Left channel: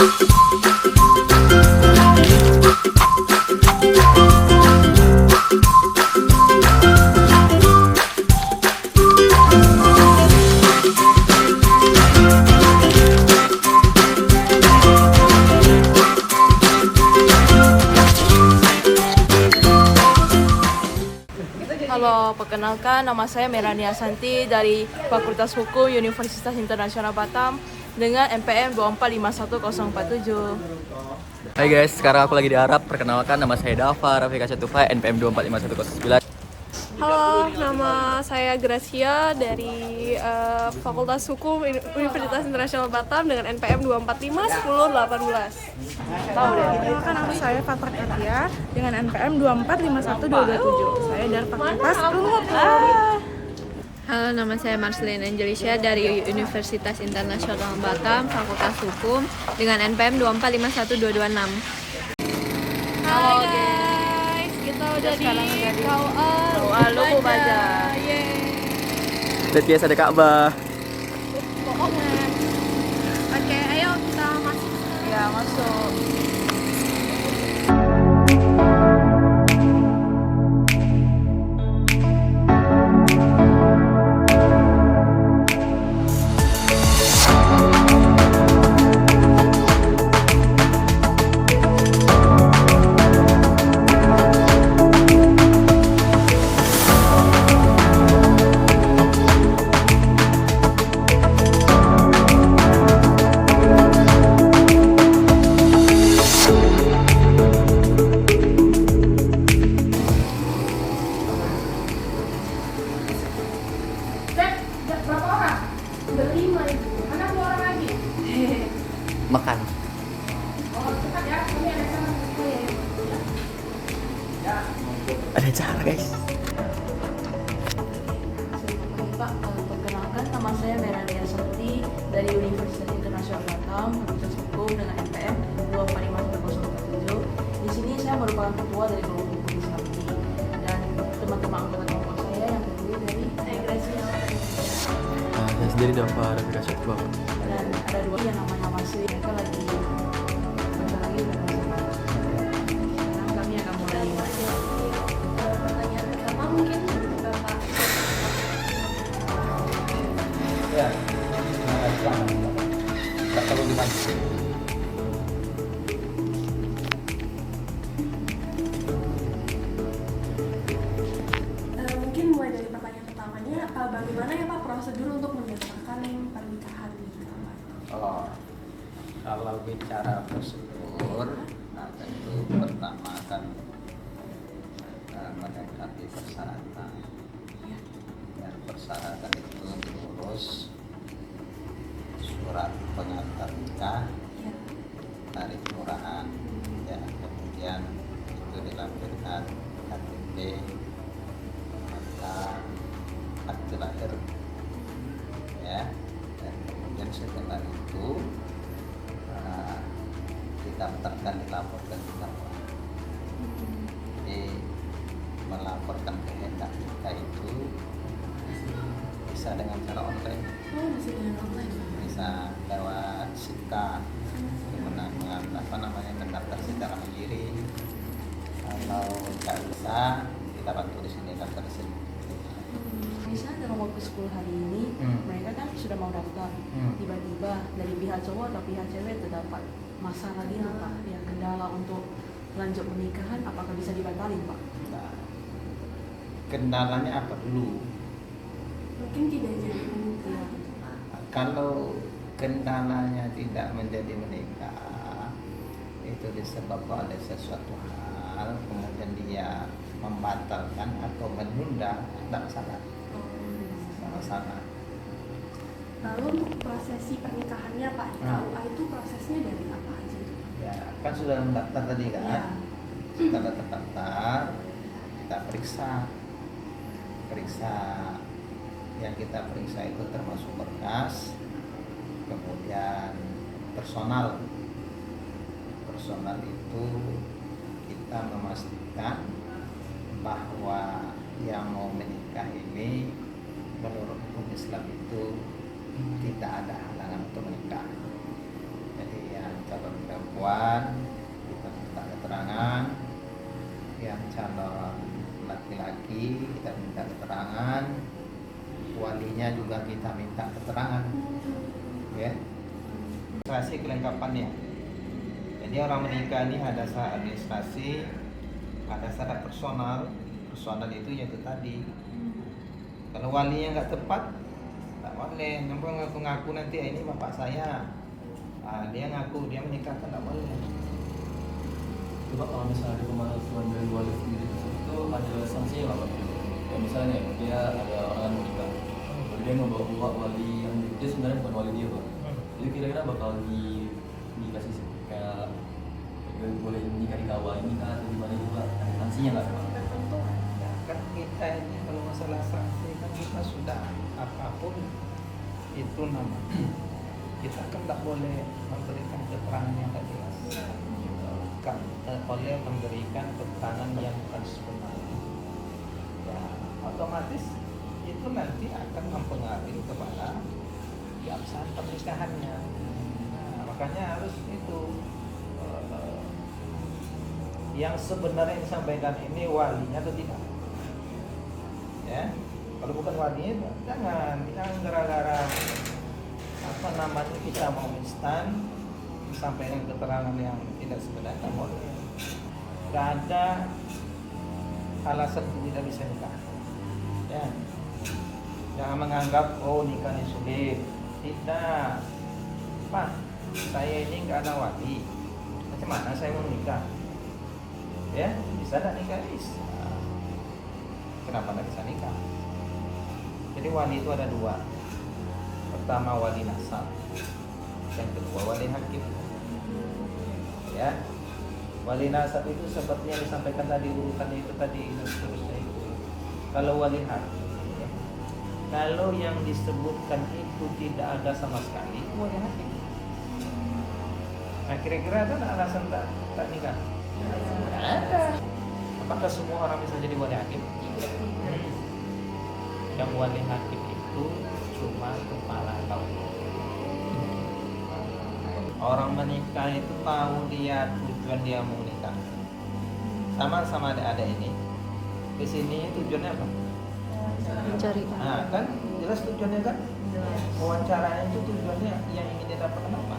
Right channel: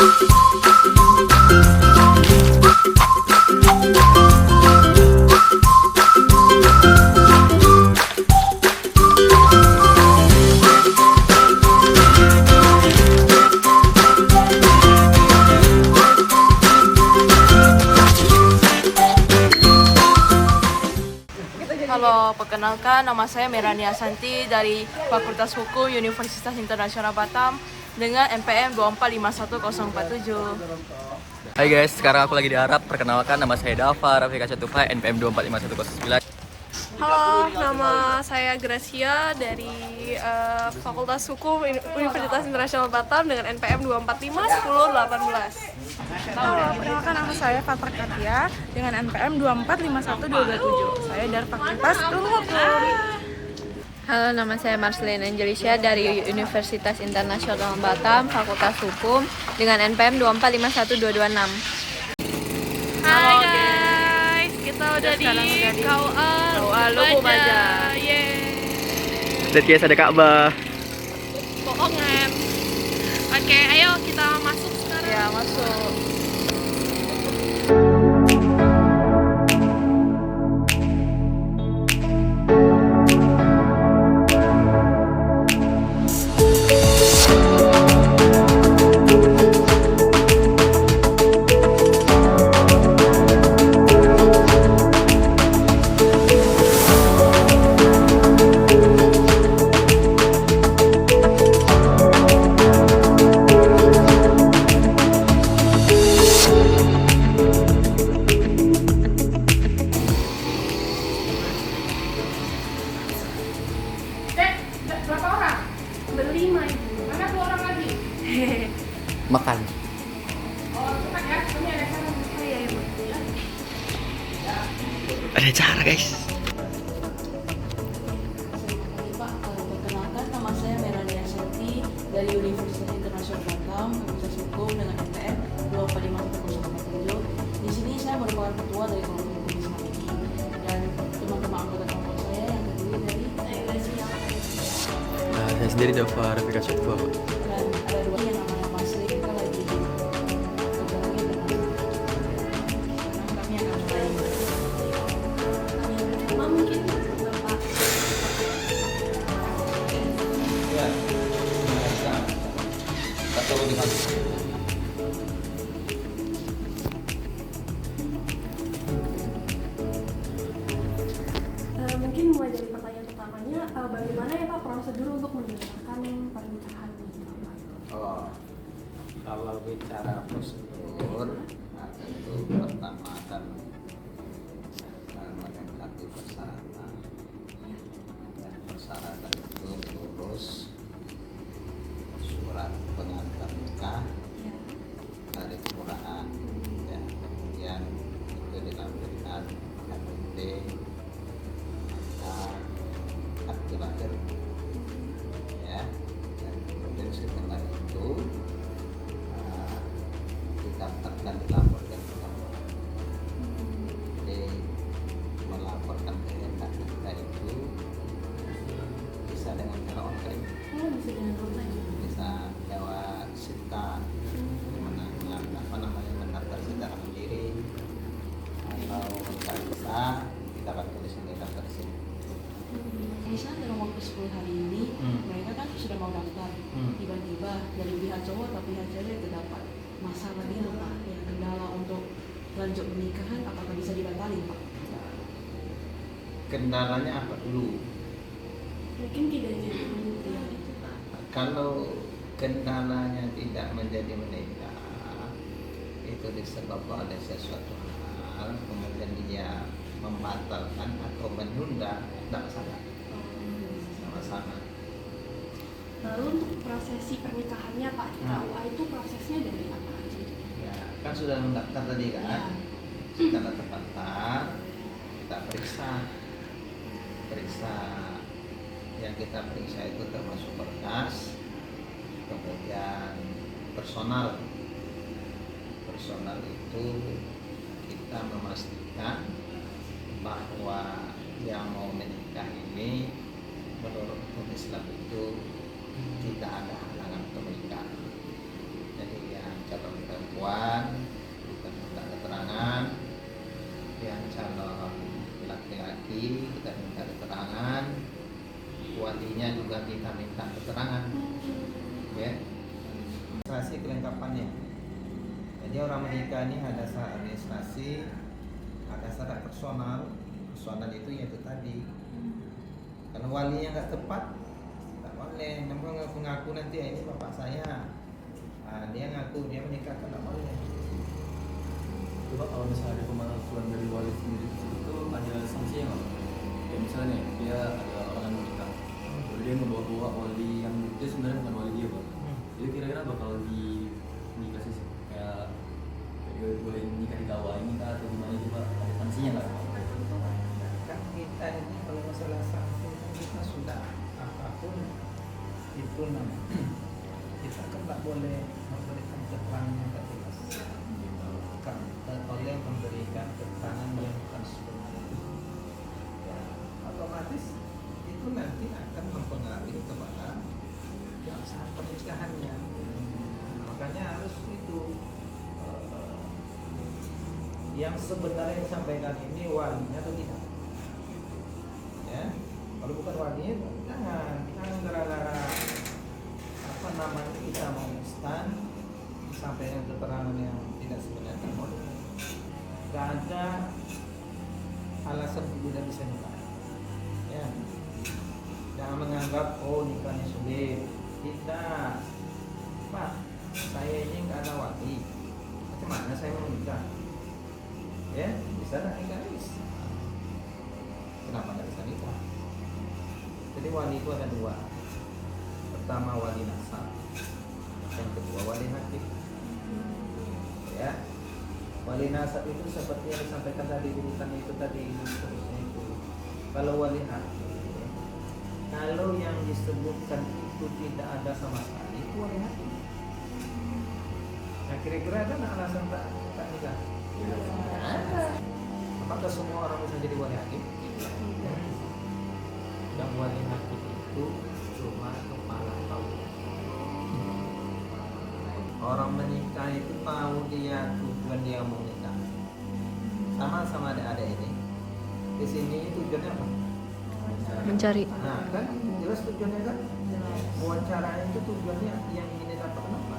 Halo, perkenalkan nama saya Merania Santi dari Fakultas Hukum Universitas Internasional Batam dengan NPM 2451047. Hai guys, sekarang aku lagi di Arab. Perkenalkan, nama saya Dava Rafika Catufa, NPM 2451009. Halo, nama saya Gracia dari Fakultas Hukum Universitas Internasional Batam dengan NPM 2451018. Halo, perkenalkan nama saya Fatra Katia dengan NPM 2451227. Saya dari Fakultas Ilmu Hukum. Halo, nama saya Marcelina Angelisha dari Universitas Internasional Batam, Fakultas Hukum dengan NPM 2451226. Hai guys, kita udah di KUA Lubu Baja. Lihat guys, ada Ka'bah. Pokoknya. Oke, ayo kita masuk sekarang. Ya, masuk. Makan. Ada cara guys. Selamat pagi Pak, perkenalkan nama saya Merania Santi dari Universitas Internasional Batam, Fakultas Hukum dengan NPM 2451047. Di sini saya merupakan ketua dari kelompok hukum Islam ini dan teman-teman anggota kelompok saya yang terdiri dari Saya sendiri Dava Rafika Catufa. dan ada dua yang namanya Masri, mereka lagi kerja lagi dan lain. Sekarang kami akan mulai. Pertanyaan pertama mungkin Bapak. Ya, terima kasih. Kata lebih maju. Mungkin mulai dari pertanyaan pertamanya, bagaimana ya Pak prosedur untuk mendaftarkan pernikahan di Bapak? Oh, kalau bicara prosedur, apa itu pertama kan mendekati persyaratan. Dan persyaratan itu urus surat pengantar nikah dari kelurahan, ya, kemudian itu dilampirkan KTP, akte lahir, ya, dan kemudian setelah itu didaftarkan, dilaporkan ke KUA. Jadi melaporkan kehendak nikah itu bisa dengan cara online, Bisa dengan online. bisa lewat SITA, mendaftar secara mandiri. Kalau nggak bisa, kita bantu di sini, daftar di sini. Misalnya dalam waktu 10 hari ini, mereka kan sudah mau daftar. Tiba-tiba dari pihak cowok atau pihak cewek terdapat masalah gitu Pak, yang kendala untuk lanjut pernikahan, apakah bisa dibatalin Pak? Nah, kendalanya apa dulu? Mungkin tidak jadi menikah. Kalau kendalanya tidak menjadi menikah, itu disebabkan oleh sesuatu hal, kemudian dia membatalkan atau menunda, tidak masalah. Sama-sama. Lalu untuk prosesi pernikahannya Pak di KUA itu prosesnya dari apa aja? Ya, kan sudah mendaftar tadi kan? Ya. Kita daftar, kita periksa. Yang kita periksa itu termasuk berkas, kemudian personal itu kita memastikan bahwa yang mau menikah ini menurut hukum Islam itu tidak ada halangan untuk menikah. Jadi yang calon perempuan kita minta keterangan, yang calon laki-laki kita minta keterangan, walinya juga kita minta keterangan, ya. Administrasi kelengkapannya. Jadi orang menikah ini ada syarat administrasi, ada syarat personal. Personal itu yaitu tadi. Kalau walinya nggak tepat, tak boleh. Nampak ngaku-ngaku nanti ini bapak saya. Dia ngaku dia menikah, kan tak boleh. Coba kalau misalnya di pemalsuan dari wali sendiri itu ada sanksinya nggak Pak? Kayak misalnya dia ada orang yang menikah, jadi dia membawa wali yang dia sebenarnya bukan wali dia Pak. Jadi kira-kira bakal dikasih kayak boleh menikah di kawah ini kan atau gimana itu Pak? Ada sanksinya nggak Pak? Kan kita ini kalau masalah sanksi kan kita sudah apapun itu nama. Kita kan tak boleh memberikan keterangan yang tak jelas. Kan tak boleh memberikan keterangan yang bukan sebenarnya. Ya, otomatis itu nanti akan mempengaruhi kepada yang sah pernikahannya. Nah, makanya harus itu yang sebenarnya disampaikan ini walinya atau tidak. Ya, kalau bukan walinya jangan gara-gara apa namanya kita mau instan disampaikan keterangan yang tidak sebenarnya, tak boleh. Gak ada alasan tidak bisa nikah. Ya, jangan menganggap oh nikah ini sulit. Tidak, Pak, saya ini nggak ada wali. Macam mana saya mau menikah? Ya, bisa tak nikah? Bisa. Kenapa nggak bisa nikah? Jadi wali itu ada dua. Pertama wali nasab, dan kedua wali hakim. Ya, wali nasab itu seperti yang disampaikan tadi urutan itu tadi dan seterusnya itu. Kalau wali hakim, ya, kalau yang disebutkan itu tidak ada sama sekali, itu wali hakim. Nah, kira-kira ada nggak alasan tak nikah? Ada. Apakah semua orang bisa jadi wali hakim? Tidak. Yang wali hakim itu cuma kepala keluarga. Orang menikah itu tahu dia tujuan dia mau menikah. Sama ada ini. Di sini tujuannya apa? Mencari. Nah, kan jelas tujuannya kan? Jelas. Wawancaranya itu tujuannya yang ingin didapatkan apa?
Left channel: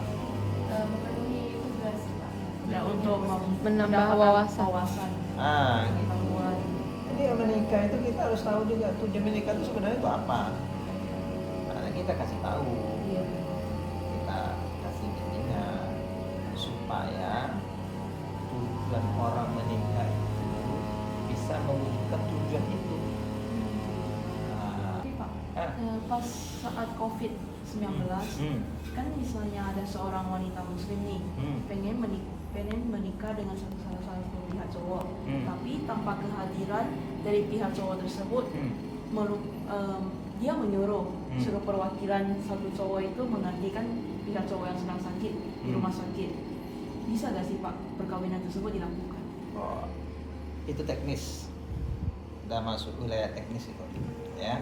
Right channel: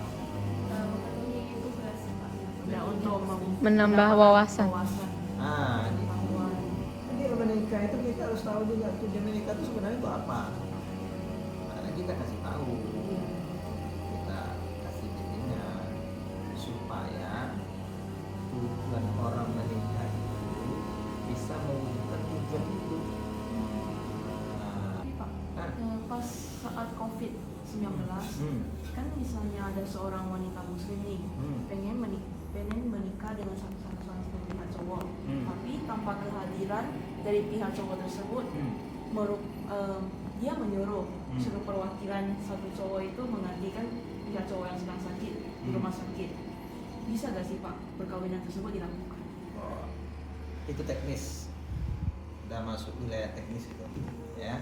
Ya, untuk Menambah mendapatkan wawasan. Ah, gitu. pengetahuan. Jadi orang menikah itu kita harus tahu juga tujuan menikah itu sebenarnya itu apa. Karena kita kasih tahu, Iya. kita kasih bimbingan supaya tujuan orang menikah itu bisa mewujudkan tujuan itu. Nah, Tapi Pak, ah, pas saat COVID-19, kan misalnya ada seorang wanita muslim nih, pengen menikah dengan salah satu pihak cowok, tapi tanpa kehadiran dari pihak cowok tersebut, dia menyuruh suruh perwakilan satu cowok itu menggantikan pihak cowok yang sedang sakit di rumah sakit. Bisa gak sih Pak perkawinan tersebut dilakukan? oh, itu teknis, udah masuk wilayah teknis itu, ya.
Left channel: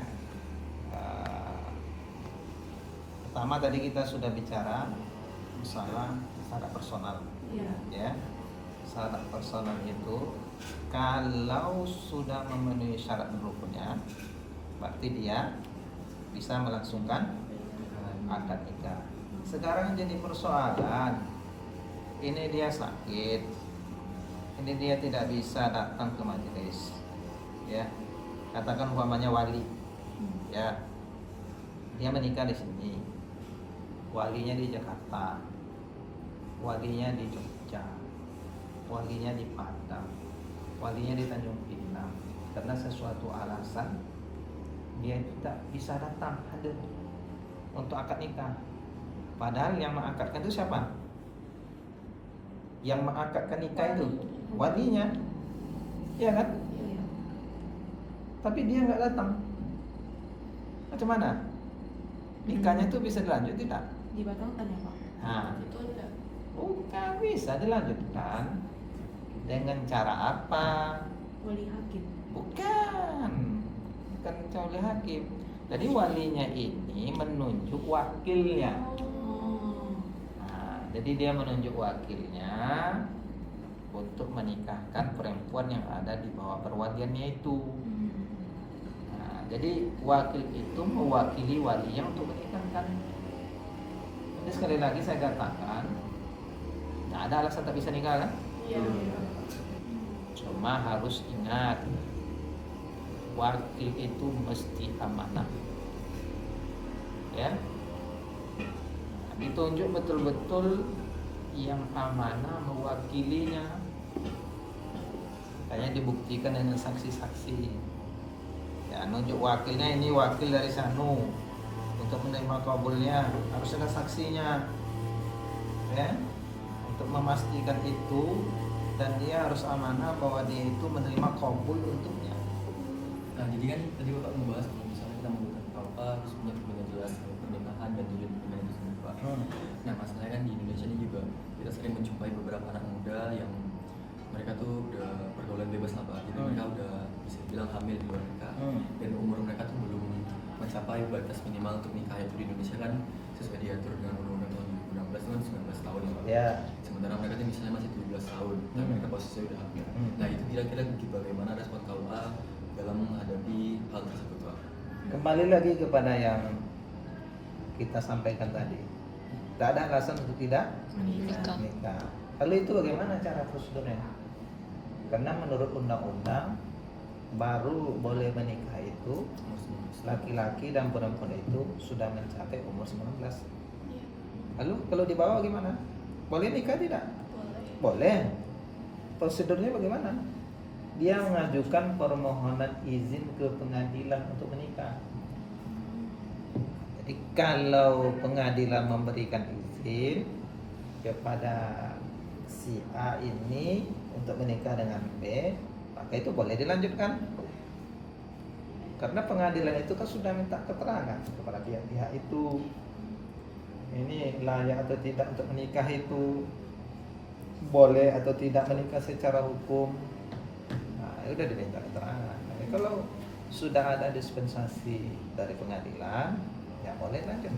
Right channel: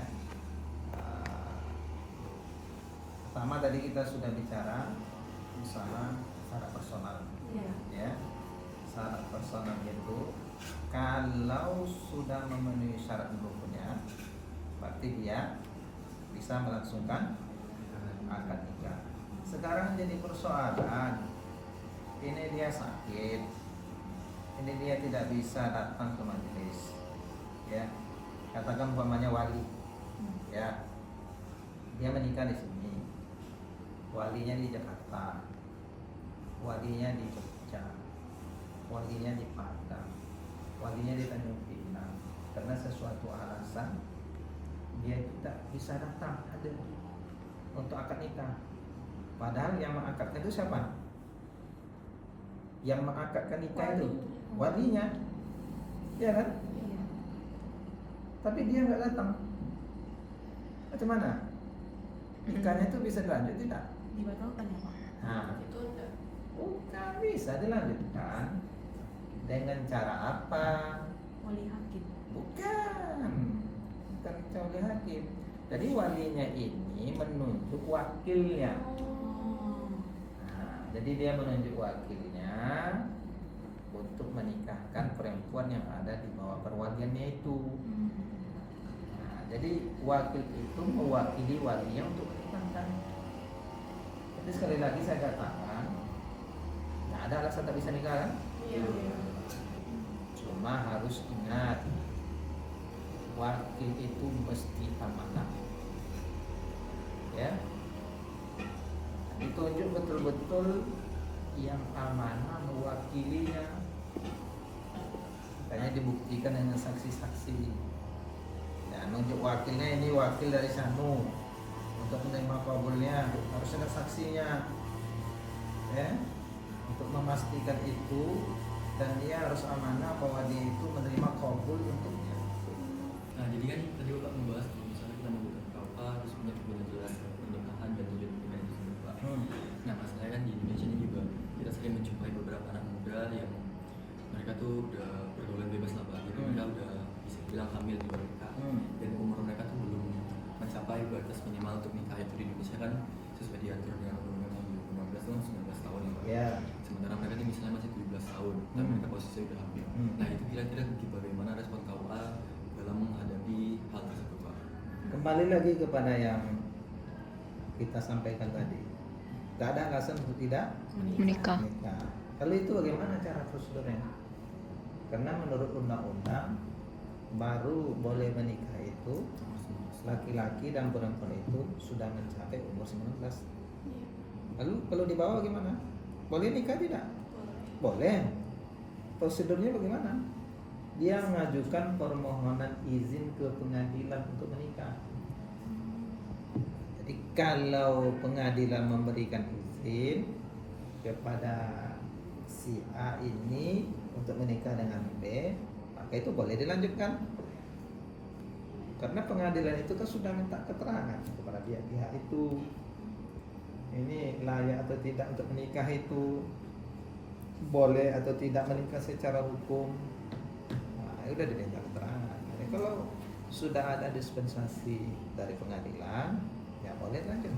Pertama tadi kita sudah bicara masalah syarat personal. Iya. Ya, syarat personal itu kalau sudah memenuhi syarat dan rukunnya, berarti dia bisa melangsungkan akad nikah. Sekarang jadi persoalan, ini dia sakit, ini dia tidak bisa datang ke majelis, ya. Katakan umpamanya wali, ya, dia menikah di sini, walinya di Jakarta, walinya di Jogja, walinya di Padang, walinya di Tanjung Pinang. Karena sesuatu alasan dia tidak bisa datang hadir untuk akad nikah. Padahal yang mengakadkan itu siapa? Yang mengakadkan nikah itu walinya, ya kan? Iya. Tapi dia nggak datang. Macam mana? Nikahnya itu bisa dilanjut tidak? Dibatalkan ya Pak? Nah, bukan bisa dilanjutkan dengan cara apa? Wali hakim. Bukan wali hakim. Jadi walinya ini menunjuk wakilnya. Oh. Nah, jadi dia menunjuk wakilnya untuk menikahkan perempuan yang ada di bawah perwaliannya itu. Nah, jadi wakil itu mewakili walinya untuk menikahkan. Jadi sekali lagi saya katakan, nggak ada alasan tak bisa nikah kan? Cuma harus ingat, wakil itu mesti amanah. Ya, ditunjuk betul-betul yang amanah mewakilinya. Makanya dibuktikan dengan saksi-saksi. Ya, nunjuk wakilnya, ini wakil dari Sanu untuk menerima kabulnya, harus ada saksinya. Ya, untuk memastikan itu, dan dia harus amanah bahwa dia itu menerima kabul untuknya. Nah, jadi kan tadi Bapak membahas kalau misalnya kita menggunakan KUA terus punya jelas pernikahan dan tujuan pernikahan itu sendiri, Pak. Nah, masalahnya kan di Indonesia ini juga kita sering menjumpai beberapa anak muda yang mereka tuh udah pergaulan bebas lah, Pak. Jadi mereka udah bisa dibilang hamil di luar nikah, dan umur mereka tuh belum mencapai batas minimal untuk nikah itu di Indonesia kan sesuai diatur dengan undang-undang tahun 2016 itu kan 19 tahun ya, Pak. Ya. Sementara mereka tuh misalnya masih 17 tahun, tapi mereka posisinya udah hamil. Nah, itu kira-kira bagaimana respon KUA dalam menghadapi hal tersebut, Pak? Kembali lagi kepada yang kita sampaikan tadi, tak ada alasan untuk tidak menikah. Lalu itu bagaimana cara prosedurnya? Karena menurut undang-undang baru boleh menikah itu laki-laki dan perempuan itu sudah mencapai umur 19. Lalu kalau di bawah gimana? Boleh nikah tidak? Boleh. Prosedurnya bagaimana? Dia mengajukan permohonan izin ke pengadilan untuk menikah. Jadi kalau pengadilan memberikan izin kepada si A ini untuk menikah dengan B, maka itu boleh dilanjutkan. Karena pengadilan itu kan sudah minta keterangan kepada pihak-pihak itu, ini layak atau tidak untuk menikah, itu boleh atau tidak menikah secara hukum. Nah, udah diminta keterangan. Nah, kalau sudah ada dispensasi dari pengadilan, ya boleh lanjut.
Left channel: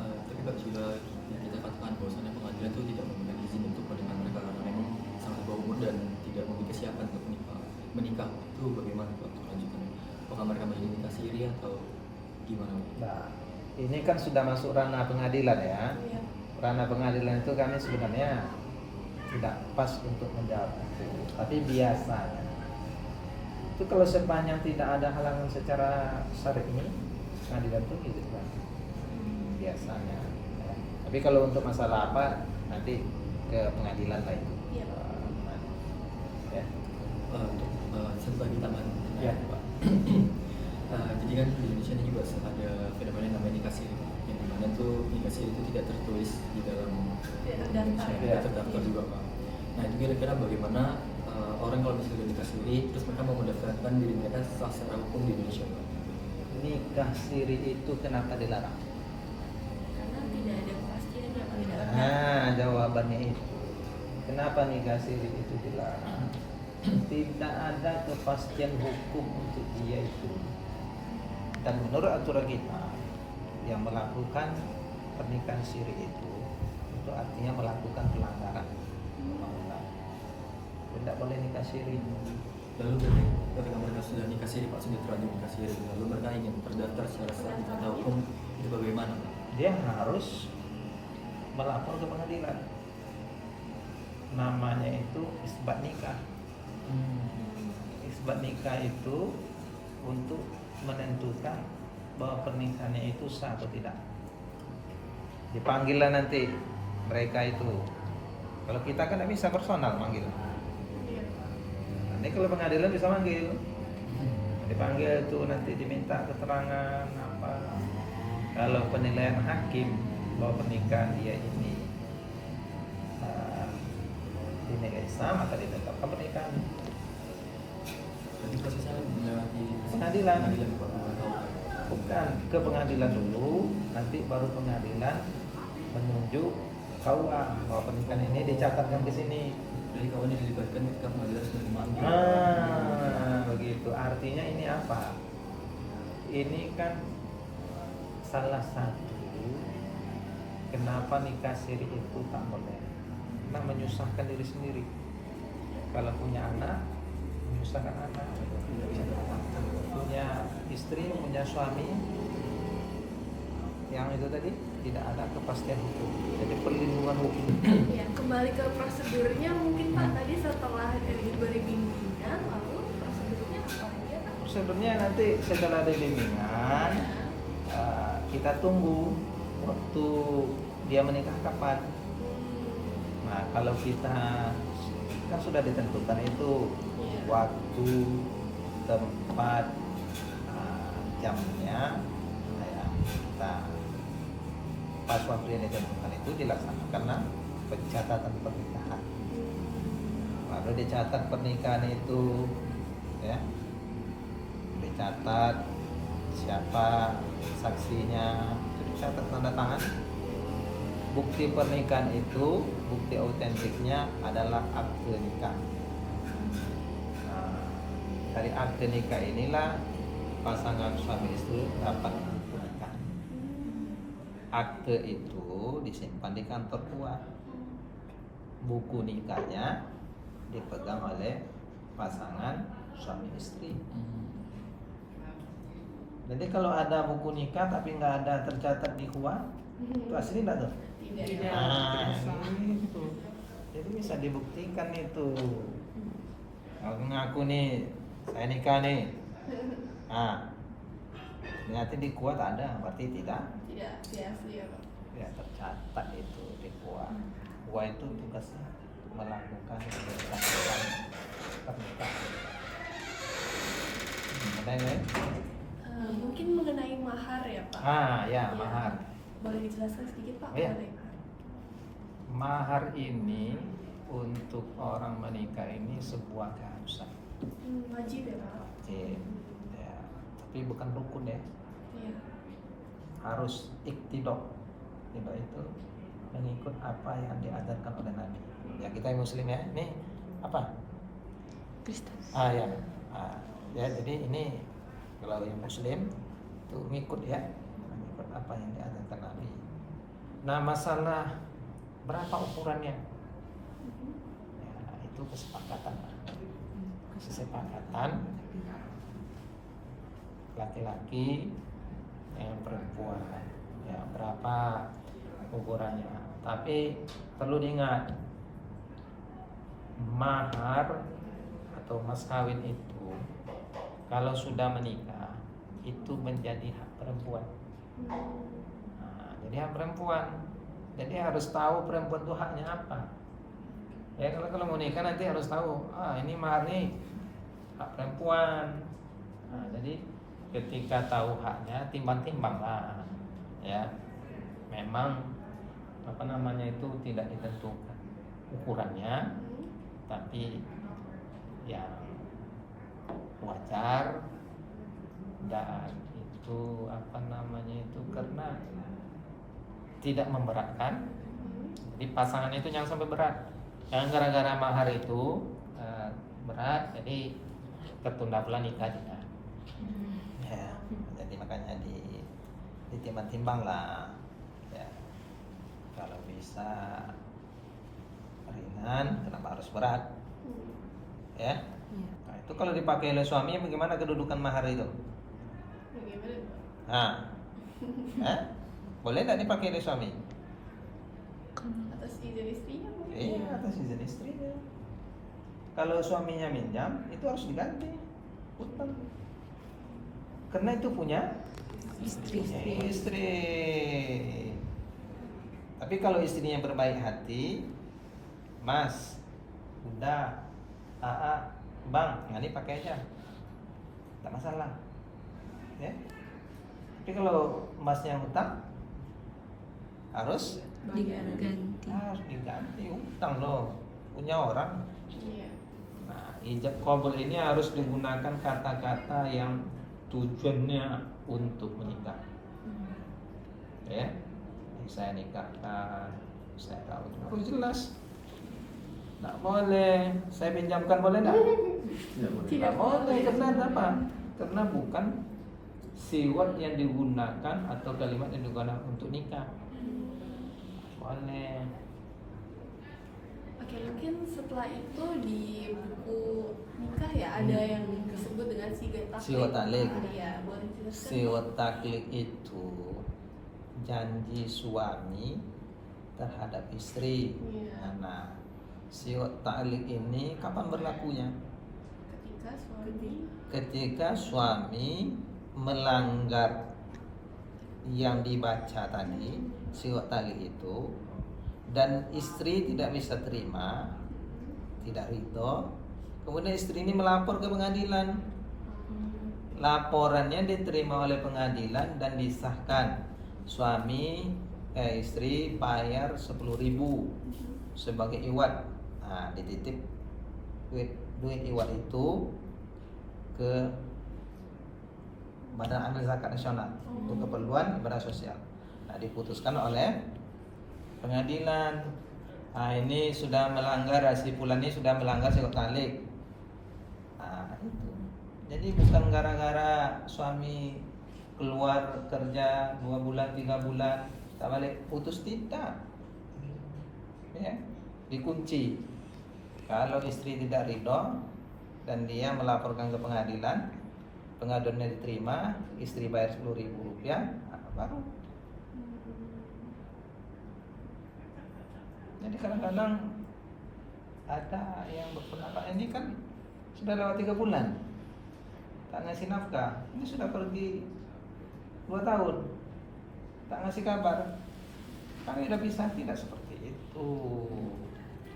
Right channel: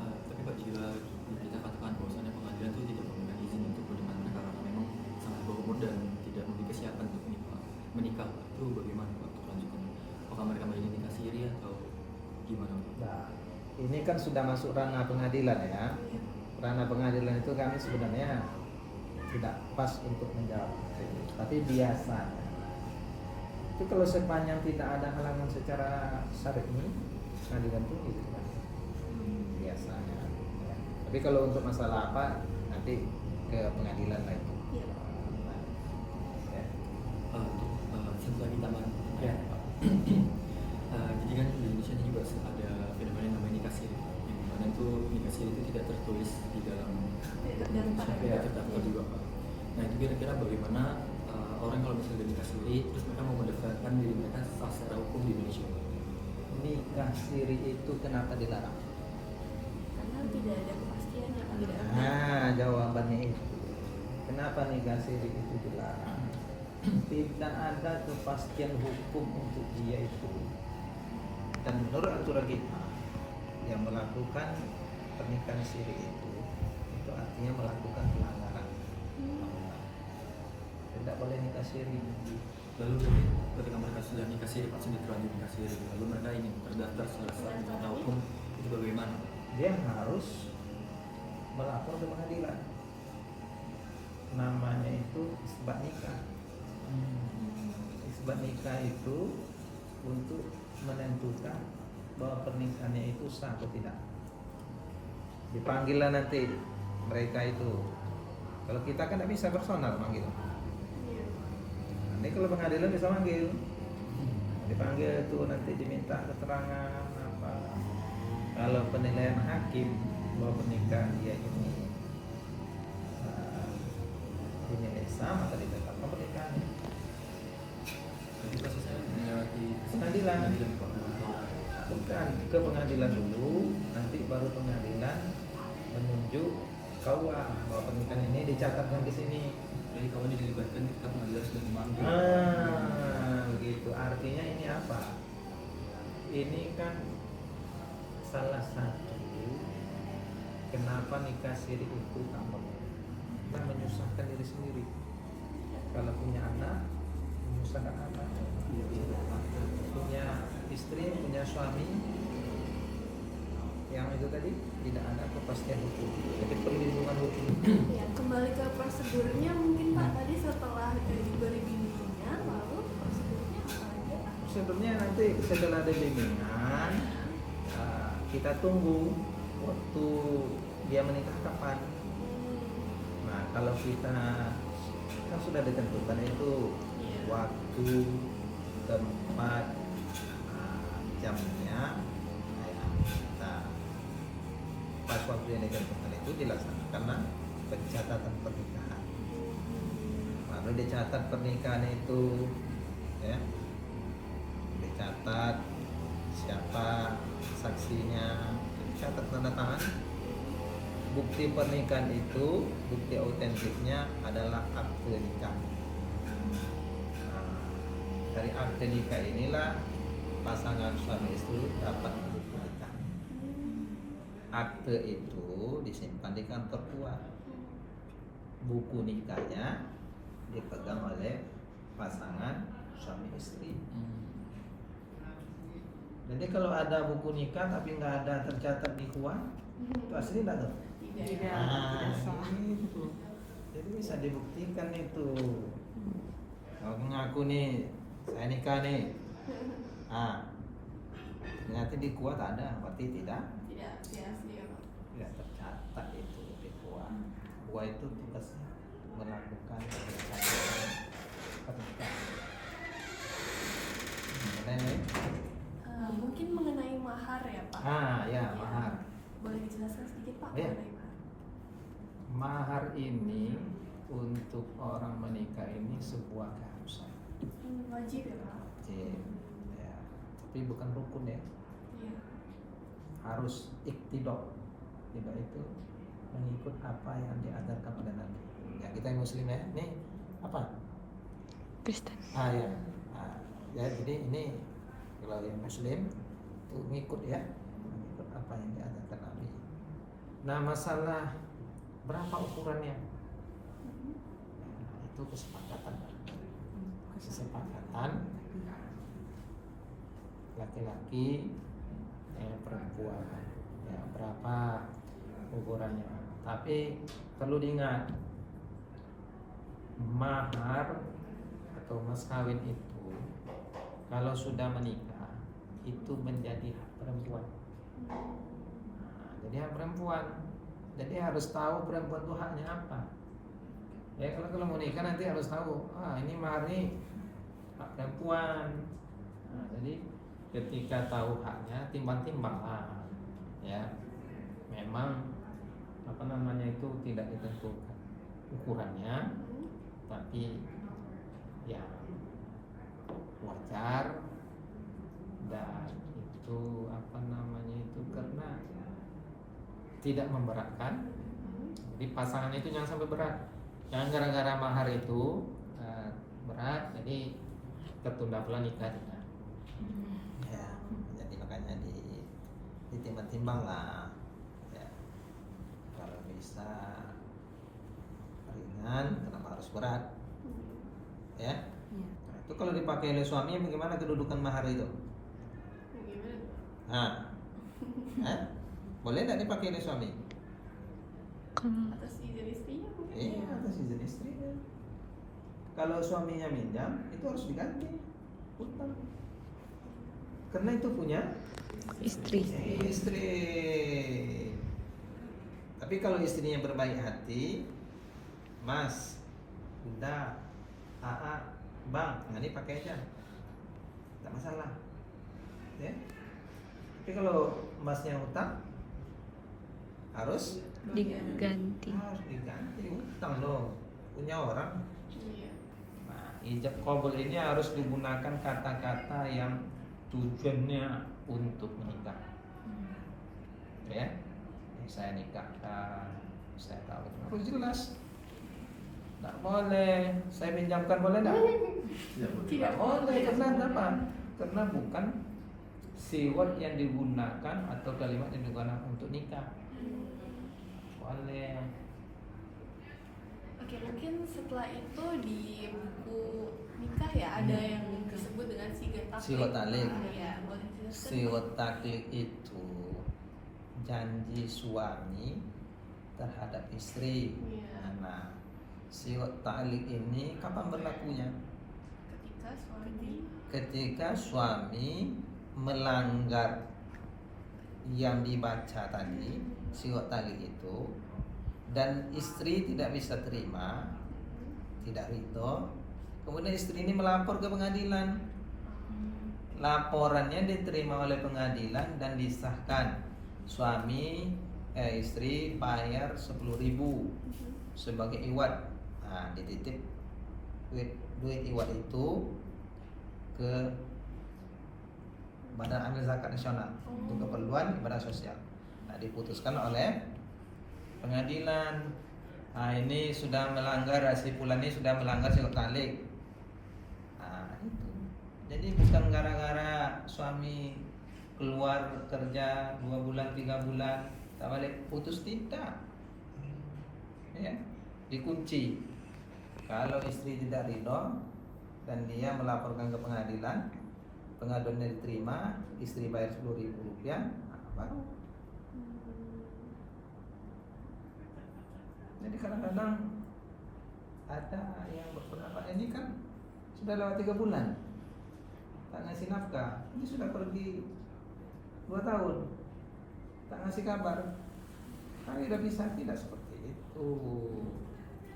Tapi Pak, jika kita katakan bahwasannya pengadilan itu tidak memberikan izin untuk pernikahan mereka karena memang sangat di bawah umur dan tidak memiliki kesiapan untuk menikah, itu bagaimana Pak untuk lanjutannya? Apakah mereka menjadi nikah siri atau gimana, Pak? Nah, ini kan sudah masuk ranah pengadilan ya. Ranah pengadilan itu kami sebenarnya tidak pas untuk menjawab itu. Tapi biasanya itu kalau sepanjang tidak ada halangan secara syar'i, pengadilan itu gitu kan. Biasanya. Ya. Tapi kalau untuk masalah apa nanti ke pengadilan lah itu. Ya. Untuk satu lagi taman, Ya. Pak. Jadi kan di Indonesia ini juga ada fenomena yang namanya nikah siri, yang dimana tuh nikah siri itu tidak tertulis di dalam Indonesia, tidak terdaftar juga, Pak. Nah, itu kira-kira bagaimana orang kalau misalnya nikah siri terus mereka mau mendaftarkan diri mereka secara hukum di Indonesia, Pak? Nikah siri itu kenapa dilarang? Karena tidak ada kepastian yang ada. Nah, jawabannya itu. Kenapa nikah siri itu dilarang? Tidak ada kepastian hukum untuk dia itu. Dan menurut aturan kita, yang melakukan pernikahan siri itu artinya melakukan pelanggaran undang-undang. Tidak boleh nikah siri. Lalu ketika mereka sudah nikah siri, Pak, sudah terlanjur nikah siri, lalu mereka ingin terdaftar secara sah di tanda hukum, itu bagaimana, Pak? Dia harus melapor ke pengadilan. Namanya itu isbat nikah. Isbat nikah itu untuk menentukan bahwa pernikahannya itu sah atau tidak. Dipanggillah nanti mereka itu. Kalau kita kan tidak bisa personal manggil. Nanti kalau pengadilan bisa manggil. Dipanggil itu nanti diminta keterangan apa. Kalau penilaian hakim bahwa pernikahan dia ini dinilai sah, maka ditetapkan pernikahan. Jadi prosesnya melewati Pengadilan. Pak. Bukan ke pengadilan dulu, nanti baru pengadilan menunjuk KUA bahwa pernikahan ini dicatatkan di sini. Jadi kawan dilibatkan ketika pengadilan sudah dimanggil. Begitu. Artinya ini apa? Ini kan salah satu Kenapa nikah siri itu tak boleh? Karena menyusahkan diri sendiri. Kalau punya anak, menyusahkan anak. Punya istri, punya suami, yang itu tadi tidak ada kepastian hukum. Jadi perlindungan hukum. Ya, kembali ke prosedurnya mungkin Pak tadi setelah diberi bimbingan, lalu prosedurnya apa lagi ya Pak? Prosedurnya nanti setelah ada bimbingan, kita tunggu waktu dia menikah kapan. Nah, kalau kita kan sudah ditentukan itu waktu, tempat, jamnya, ya, kita pas waktu yang ditentukan itu dilaksanakan pencatatan pernikahan. Baru dicatat pernikahan itu, ya, dicatat siapa saksinya, itu dicatat tanda tangan. Bukti pernikahan itu, bukti autentiknya adalah akte nikah. Nah, dari akte nikah inilah pasangan suami istri dapat buku nikah. Akte itu disimpan di kantor tua. Buku nikahnya dipegang oleh pasangan suami istri. Jadi kalau ada buku nikah tapi nggak ada tercatat di KUA, itu asli nggak tuh? Tidak. Nah, itu. Jadi bisa dibuktikan itu. Kalau ngaku nih, saya nikah nih. Nah, ternyata di KUA tak ada, berarti tidak Asli ya Pak. ya tercatat itu di KUA. KUA itu tugasnya melakukan pernikahan. Kemudian Mungkin mengenai mahar ya Pak. ya mahar. Boleh dijelaskan sedikit Pak Iya. mengenai mahar? Mahar ini untuk orang menikah ini sebuah keharusan. Wajib ya Pak. Wajib, ya. Tapi bukan rukun ya. Iya. Harus iktidok. Tidak itu mengikut apa yang diajarkan oleh Nabi. Ya kita yang Muslim ya. Ini apa? Kristen. Ya. Ya jadi ini kalau yang Muslim itu ngikut ya, mengikut apa yang diajarkan Nabi. Nah masalah berapa ukurannya? Ya, itu kesepakatan. Kesepakatan laki-laki yang perempuan. Ya berapa ukurannya? Tapi perlu diingat mahar atau mas kawin itu kalau sudah menikah itu menjadi hak perempuan. Nah, jadi hak perempuan. Jadi harus tahu perempuan itu haknya apa. Ya kalau mau nikah nanti harus tahu. Ini mahar nih hak perempuan. Nah, jadi ketika tahu haknya timbang-timbang lah. Ya, memang apa namanya itu tidak ditentukan ukurannya, tapi yang wajar dan itu apa namanya itu karena tidak memberatkan. Jadi pasangan itu jangan sampai berat. Yang gara-gara mahar itu berat, jadi tertunda pula nikah juga. Ya, jadi makanya ditimbang-timbang lah. Ya, kalau bisa ringan, kenapa harus berat? Ya. Nah, itu kalau dipakai oleh suami bagaimana kedudukan mahar itu? Boleh nggak dipakai oleh suami? Atas izin istrinya mungkin. Iya, atas izin istrinya. Kalau suaminya minjam, itu harus diganti utang. Karena itu punya istri. Tapi kalau istrinya berbaik hati, Mas, udah, Bang, ini pakai aja, tidak masalah. Ya. Tapi kalau Masnya utang, harus diganti utang loh, punya orang. Iya. Nah, ijab qabul ini harus digunakan kata-kata yang tujuannya untuk menikah. Ya, saya nikahkan, saya kawin, harus jelas. Tidak boleh, saya pinjamkan boleh tidak? Tidak boleh, karena apa? Karena bukan siwat yang digunakan atau kalimat yang digunakan untuk nikah. Soalnya Oke, mungkin setelah itu di buku nikah ya ada yang disebut dengan sigat taklid. Sigat taklid. Iya, boleh dijelaskan? siwat taklid itu janji suami terhadap istri. Iya. Nah, siwat taklid ini kapan berlakunya? Ketika suami melanggar yang dibaca tadi, siwat taklid itu, dan istri tidak bisa terima, tidak ridho, kemudian istri ini melapor ke pengadilan. Laporannya diterima oleh pengadilan dan disahkan. Suami istri bayar 10.000 sebagai iwat. Nah, dititip duit iwat itu ke Badan Amil Zakat Nasional untuk keperluan ibadah sosial. Nah, diputuskan oleh pengadilan. Nah, ini sudah melanggar, si fulan ini sudah melanggar siwat taklid. Nah, itu. Jadi bukan gara-gara suami keluar kerja 2 bulan 3 bulan tak balik putus, tidak. Ya, dikunci. Kalau istri tidak ridho dan dia melaporkan ke pengadilan, pengaduannya diterima, istri bayar 10.000 rupiah, nah, baru. Jadi kadang-kadang ada yang berpendapat ini kan sudah lewat 3 bulan tak ngasih nafkah, ini sudah pergi 2 tahun tak ngasih kabar, kami udah bisa. Tidak seperti itu.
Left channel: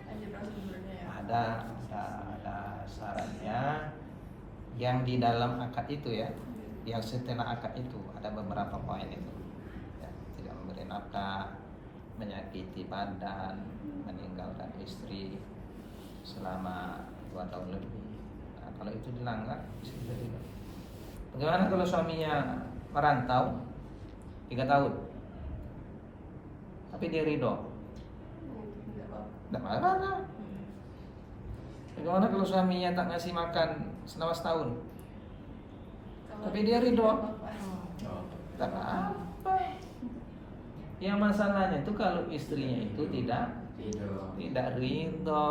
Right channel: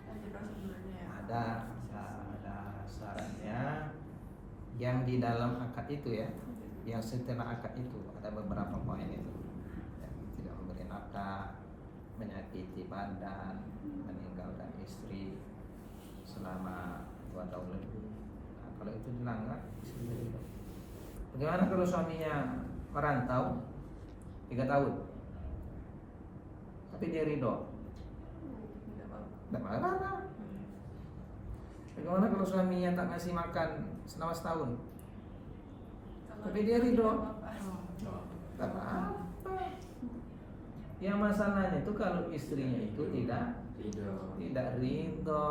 Ada prosedurnya ya. Ada syaratnya yang di dalam akad itu ya, yang setelah akad itu ada beberapa poin itu ya, tidak memberi nafkah, menyakiti badan, meninggalkan istri selama 2 tahun lebih. Nah, kalau itu dilanggar bisa ridho. Bagaimana kalau suaminya merantau 3 tahun tapi dia ridho? Tidak apa-apa. Bagaimana kalau suaminya tak ngasih makan selama setahun tapi dia ridho? Tidak apa-apa. Yang masalahnya itu kalau istrinya itu tidak ridho,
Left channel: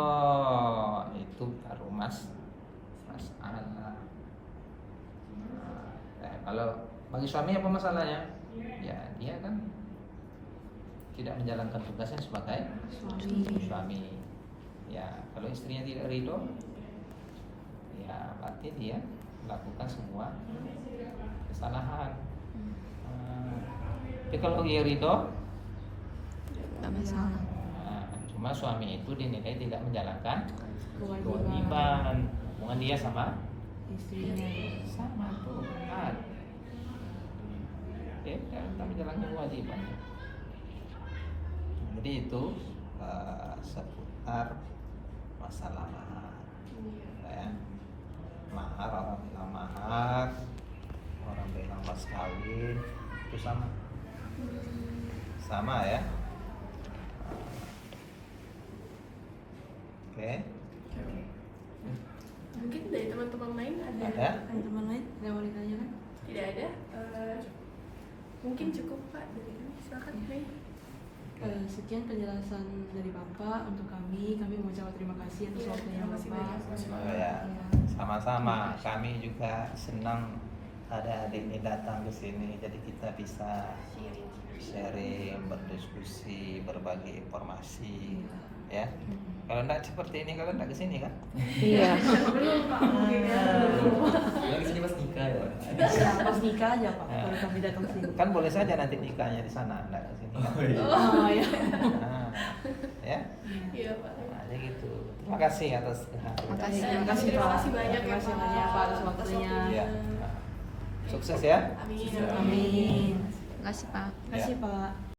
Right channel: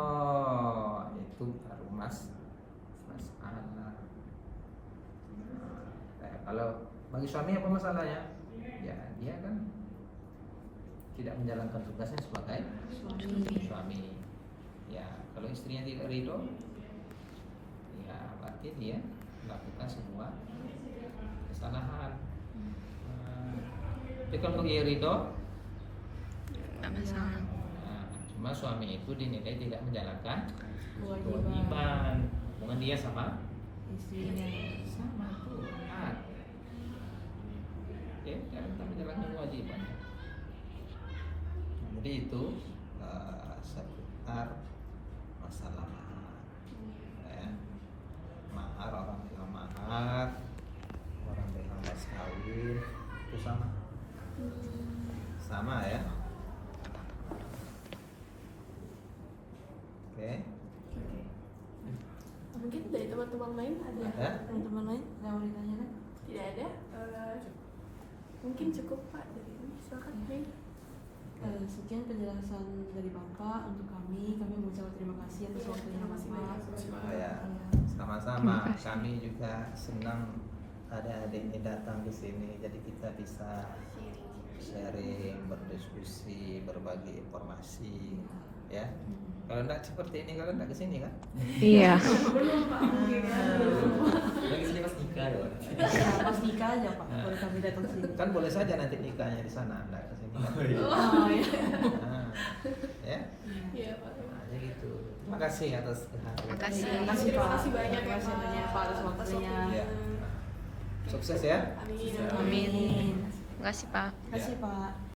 itu baru masalah. Nah, kalau bagi suami apa masalahnya? Ya dia kan tidak menjalankan tugasnya sebagai suami. Ya kalau istrinya tidak ridho, ya berarti dia melakukan semua kesalahan. Tapi kalau dia ridho, Nggak masalah. nah, cuma suami itu dinilai tidak menjalankan kewajiban. Hubungan dia sama Istrinya. sama tuh kan. Dia tak menjalankan kewajiban. Jadi itu seputar masalah mahar. Ya. Mahar, orang bilang mahar, orang bilang mas kawin, itu sama ya. Oke. Mungkin dari teman-teman lain ada? Ada? Teman lain yang mau ditanyakan? Tidak ada? Mungkin cukup Pak dari kami. Silakan Mei. Sekian penjelasan dari Bapak untuk kami. Kami mengucapkan terima kasih atas waktunya Terima kasih Bapak. banyak. Ya, sama-sama. Kami juga senang ada adik ini datang ke sini, jadi kita bisa sharing, berdiskusi, berbagi informasi, ya. Kalau enggak seperti ini, kalau enggak ke sini kan? Iya. Belum Pak mungkin ya. Lagi sini pas nikah ya. Ya, pas nikah aja Pak, baru kami datang sini. Kan boleh saja nanti nikahnya di sana, enggak ke sini. Kan? Oh ya. Nah, ya. Iya Pak. Nah, jadi gitu. Terima kasih atas kehadiran. Terima kasih Terima Pak. kasih banyak Terima ya, kasih Pak. banyak Pak atas waktunya. Ya. Nah, sukses ya. Amin. Amin. Terima kasih Pak. Terima kasih Pak.